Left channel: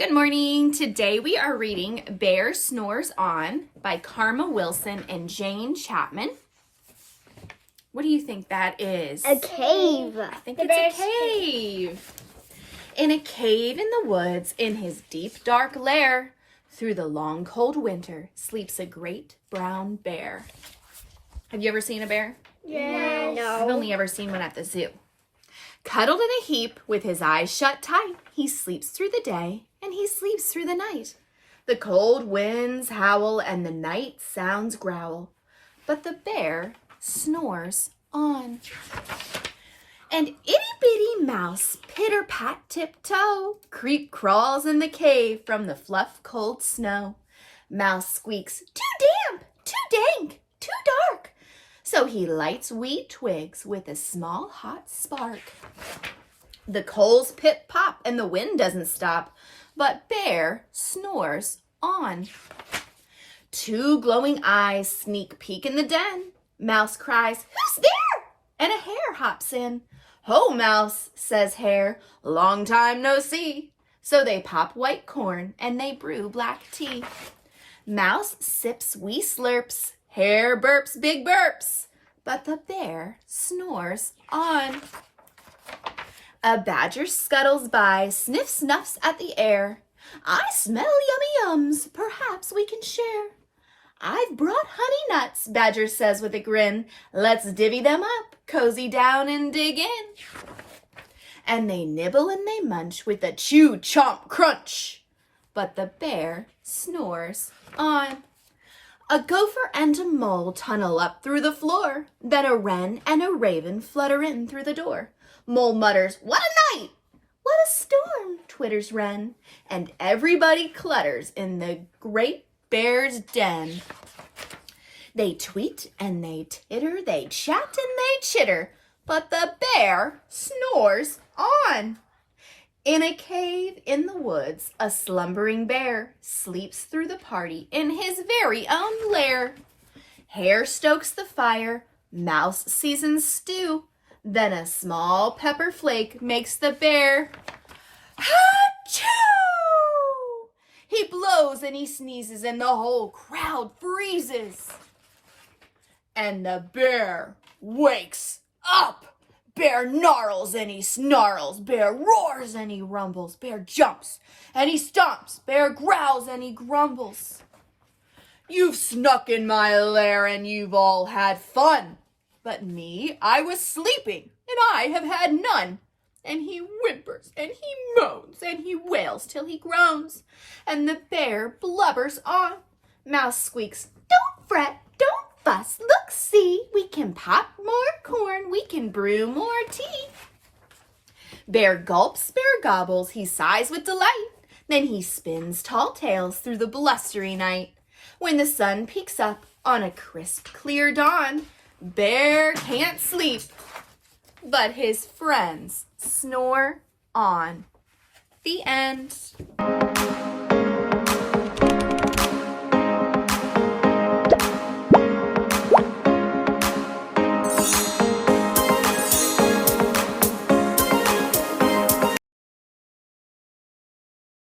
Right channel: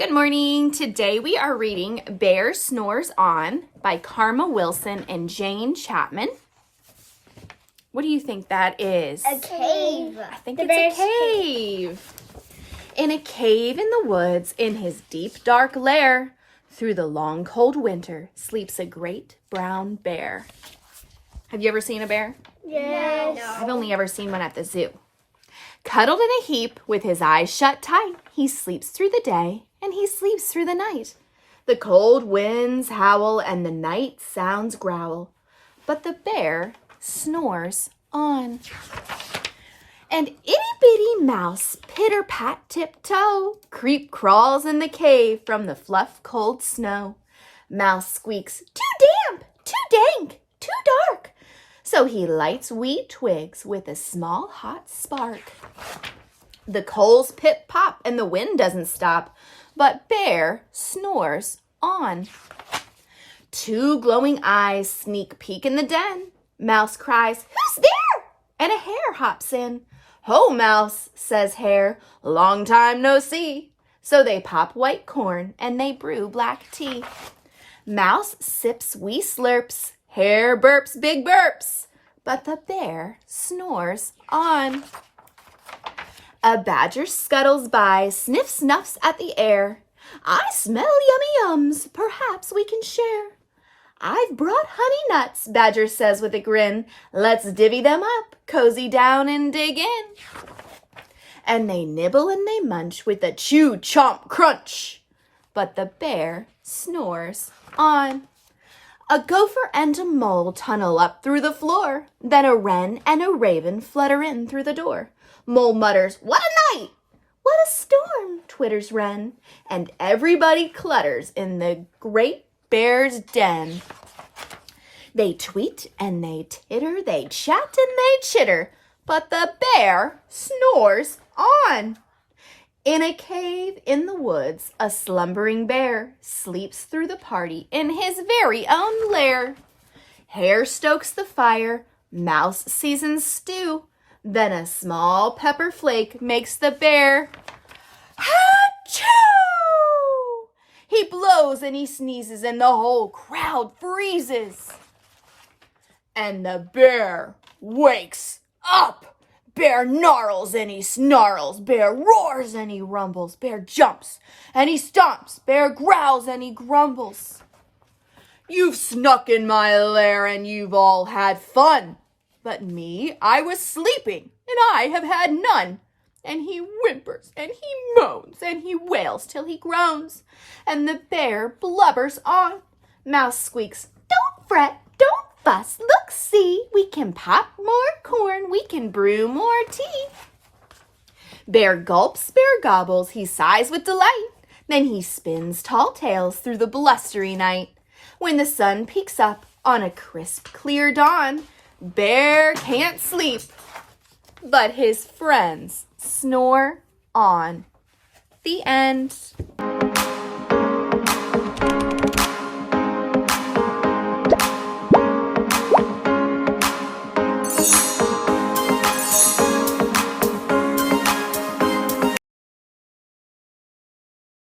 Good morning. Today we are reading Bear Snores On by Karma Wilson and Jane Chapman. What do you think that is? A cave. I think it's a cave. In a cave in the woods, in his deep dark lair, through the long cold winter, sleeps a great brown bear. Have you ever seen a bear? Yes. No. I've only ever seen one at the zoo. Cuddled in a heap with his eyes shut tight, he sleeps through the day and he sleeps through the night. The cold winds howl and the night sounds growl, but the bear snores on. And itty-bitty mouse, pitter-pat tiptoe, creep crawls in the cave from the fluff cold snow. Mouse squeaks, too damp, too dank, too dark. So he lights wee twigs with a small hot spark. The coals pip-pop and the wind doesn't stop, but Bear snores on. Two glowing eyes sneak peek in the den. Mouse cries, "Who's there?" And a hare hops in. "Ho, Mouse," says Hare, "long time no see." So they pop white corn and they brew black tea. Mouse sips wee slurps. Hare burps big burps. But the bear snores on. A badger scuttles by, sniffs snuffs at the air. "I smell yummy yums, perhaps we can share." "I've brought honey nuts," Badger says with a grin. "Let's divvy them up, cozy down and dig in." And they nibble and they munch with a chew, chomp, crunch. But the bear snores on. A gopher and a mole tunnel up through the floor. Then a wren and a raven flutter in through the door. Mole mutters, "What a night!" "What a storm!" twitters wren. And everybody clutters in the great bear's den. They tweet and they titter, they chat and they chitter, but the bear snores on. In a cave in the woods, a slumbering bear sleeps through the party in his very own lair. Hare stokes the fire, Mouse seasons stew, then a small pepper flake makes the bear ha-choo! He blows and he sneezes and the whole crowd freezes. And the bear wakes up. Bear gnarls and he snarls. Bear roars and he rumbles. Bear jumps and he stomps. Bear growls and he grumbles. "You've snuck in my lair and you've all had fun. But me, I was sleeping and I have had none." And he whimpers and he moans and he wails till he groans. And the bear blubbers on. Mouse squeaks, "Don't fret, don't fuss, look, see, we can pop more corn, we can brew more tea." Bear gulps, bear gobbles, he sighs with delight. Then he spins tall tales through the blustery night. When the sun peeks up on a crisp, clear dawn, Bear can't sleep, but his friends snore on. The end.